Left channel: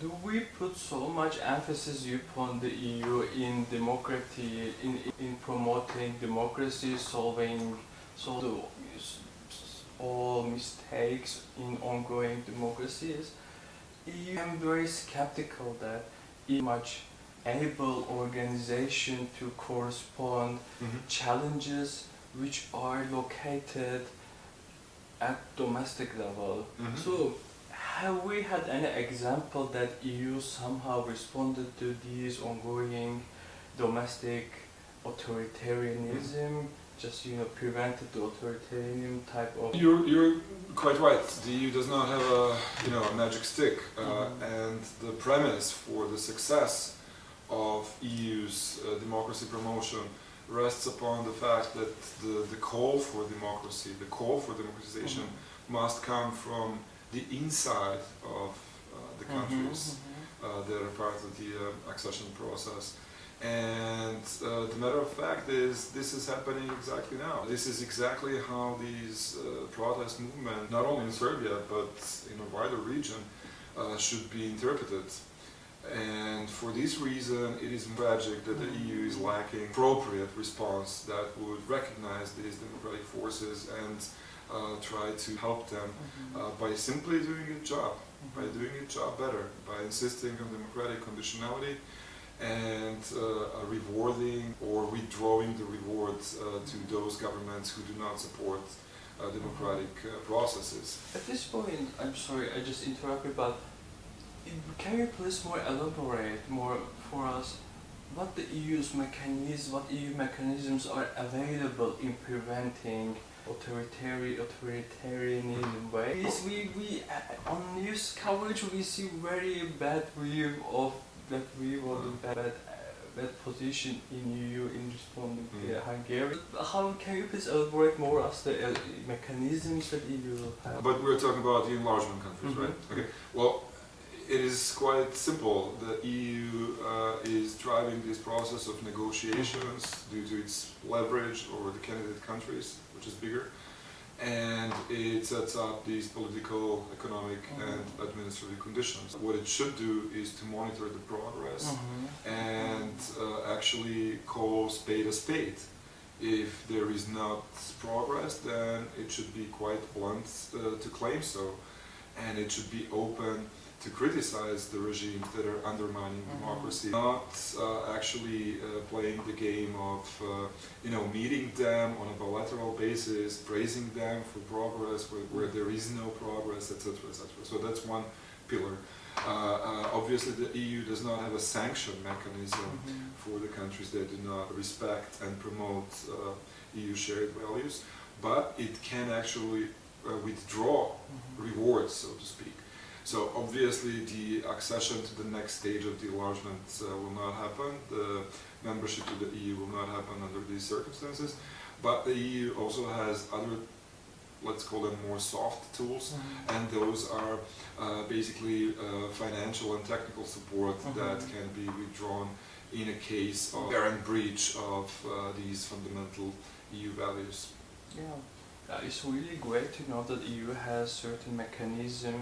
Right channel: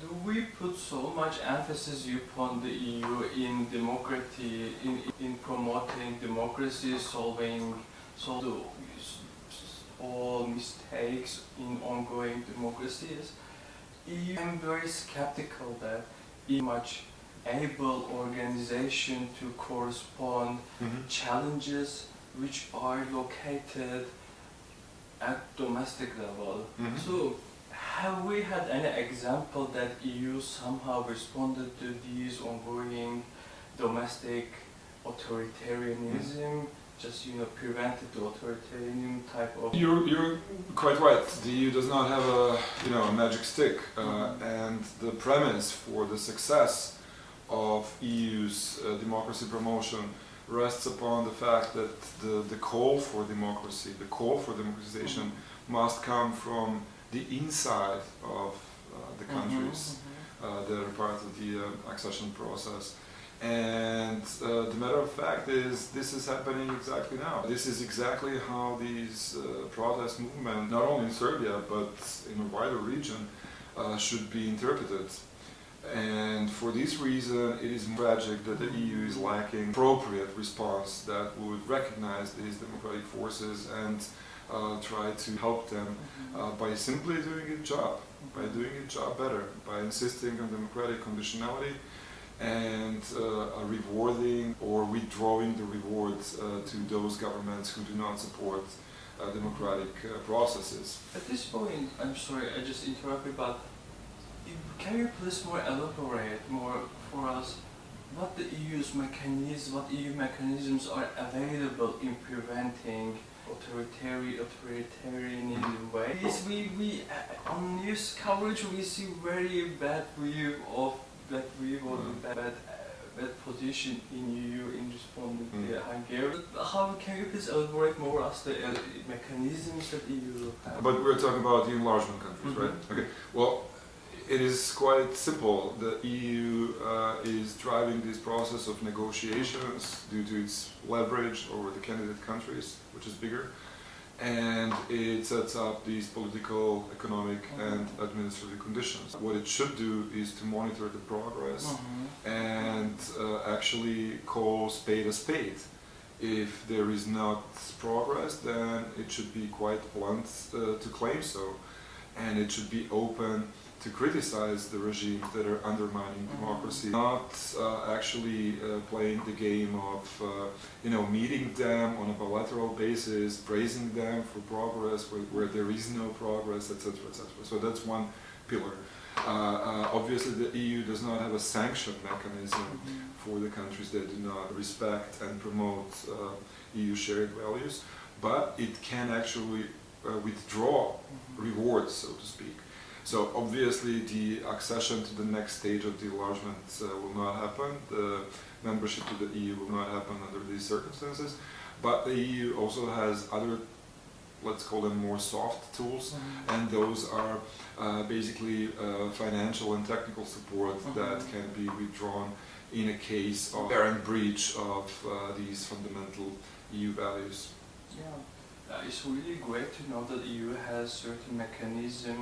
Do we put so much emphasis upon the EU in democracy, in promoting democracy, solving all mistakes in ongoing democracies? I'm very skeptical that it much able organization to correspond challenges which are located at domestic level. So have we had any example that EU somehow responded to these ongoing domestic authoritarianism, just prevented the authoritarian type of... You're quite right. The EU does not have a magic stick, and the premise for the success of EU's democracy promotion rests upon the fact that the call for democracy, the call for democratization, must come from the inside of the countries that are part of the accession process. And the matter of fact is, this is happening exactly now. This is exactly how these protest movements, not only in Serbia but in a wider region, should be interpreted. And for this reason, it is tragic that the EU is lacking appropriate response that would recognize these democratic forces and try to help them by simply doing its job, by doing its job better, by insisting on democratic conditionality and rewarding or withdrawing the rewards to those governments who do not support democratic processes. At this point, I'm sorry, I just interrupted, but can you please elaborate more for us what the EU's mechanisms, what EU mechanisms are available in preventing authoritarianism way? We on news coverage we see very bad view of bad position in EU in responding to Hungary. How can you please elaborate more as the mechanisms that EU have? But we're talking about the enlargement countries, right? Okay. Well, it is quite simple. The EU is driving this process of negotiations due to its leverage over the candidate countries, which is bigger, and it sets up these political, economic and administrative conditions. What it should do is to monitor the progress and actually call spade a spade. If there is not progress, then it should be quite blunt to claim so, and it should be open to criticize the regimes that are undermining democracy, not actually playing the game of meeting them on a bilateral basis, praising them for progress where there is no progress, etc., etc. So that's one pillar. Obviously, the EU does not have a sanction mechanism for the countries that do not respect and promote EU shared values, but it can actually withdraw rewards, so to speak. So obviously the accession to the next stage of the enlargement will not happen. The membership to the EU will not happen under these circumstances. But the EU also has other, let's call them more soft tools, and those are basically financial and technical support that can be withdrawn in a case of apparent breach of these fundamental EU values. Yeah, it's really great to know that EU has certain mechanisms